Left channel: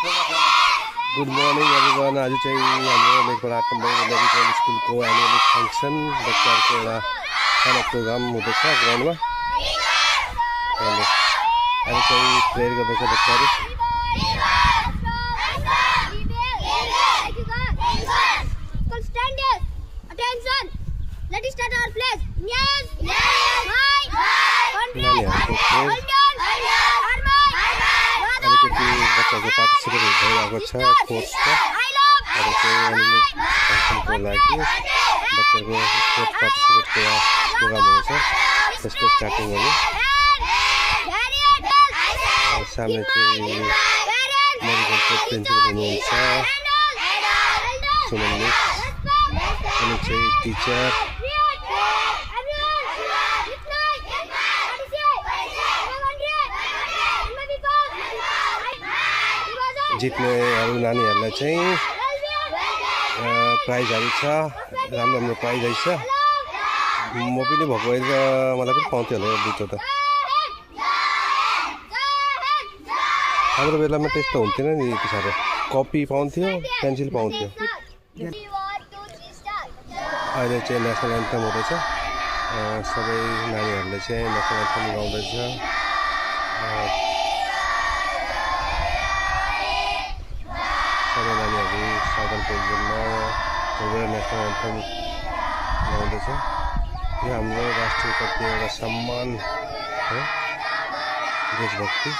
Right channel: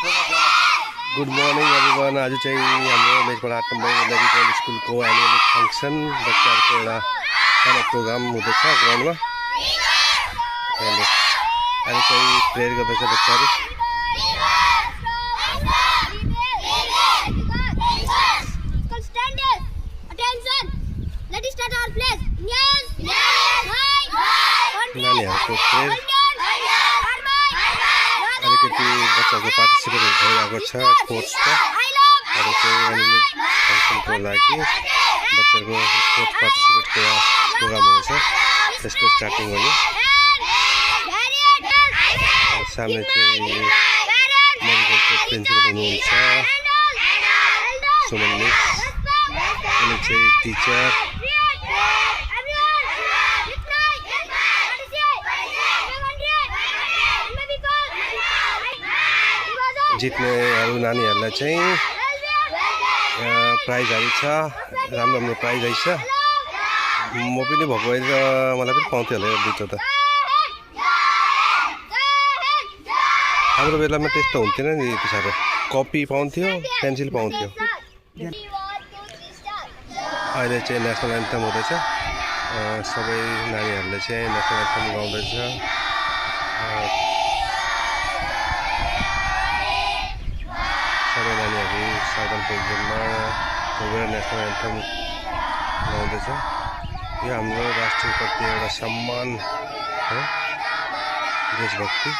Good morning everyone. आज चाहिँ हाम्रो मेचबाट 8 नम्बर मेडिकल स्कुलको एनुअल फङ्सन बच्चाहरूको एउटा सानो प्रोग्राम हुँदैछ ग्राउन्डमा। आज चाहिँ प्रेयर गर्दैछ बच्चाहरू। नानीहरूको प्रेयर अलिकति बच्चाको पार्टिसिपेट भइरहेको छ स्पोर्ट्सको। अरू चाहिँ एनुअल फङ्सनको लागि बच्चाहरूको स्पोर्ट्स पार्टिसिपेटको प्रोग्राम हुनेछ, त्यसको स्टार्टिङ हुने। सामने चाहिँ मेडिकलको प्रिन्सिपल हुनुहुन्छ सुमन मिस, अनि चाहिँ टिचर जित्नेहरू नानीहरूलाई चाहिँ प्राइजहरू छ, राम्रो राम्रो प्राइज आइछ। म पनि भएको भए त मलाई पनि पाउँथ्यो होला यो दुईवटा त। हाम्रो बेलामा त्यस्तो हुन्थेन नि, यति साह्रो कपी पाउँथ्यो, पेन्सिल पाउँथ्यो। अहिले चाहिँ नेसनल एन्थम हुँदैछ, सबै नानीहरूले चाहिँ नेसनल एन्थम गाउँदैछ। सबै नानीहरू साउदर्न पोजिसनमा गएर नेसनल एन्थम गाउँदैछ। यो हाम्रो राष्ट्रप्रति एउटा सम्मान हो, देशभक्ति।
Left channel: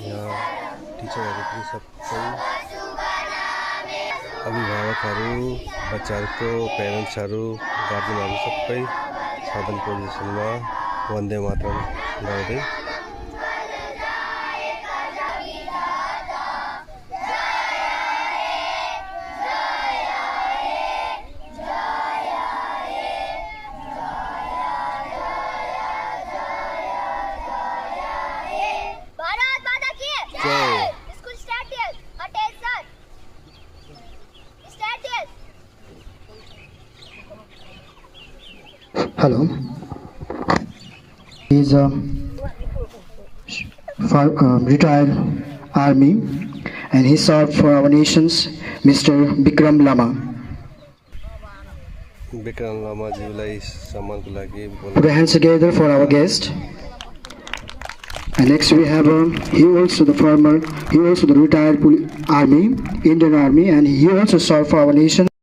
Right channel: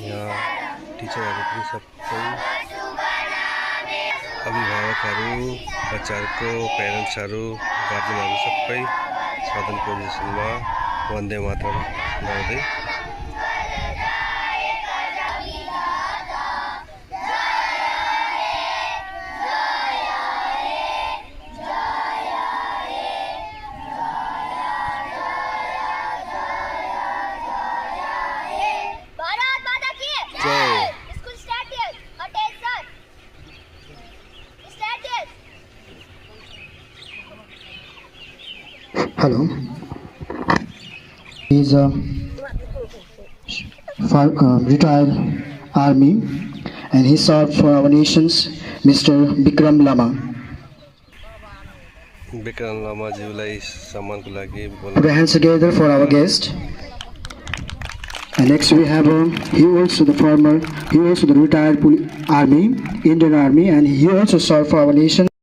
यहाँ टिचरहरू पनि सबै, अभिभावकहरू, बच्चाहरूको पेरेन्ट्सहरू, गार्जेनहरू सबै साउदर्न पोजिसनमा वन्दे मातरम गाउँदै। Hello. He is a retired army, and he served for our nations, Mr. Bikram Lama. Bikram Lama जीलाई सम्मानको लागि Put your hands together for our guest. And next we have he also the retired army, Indian Army, and he also served for our nation.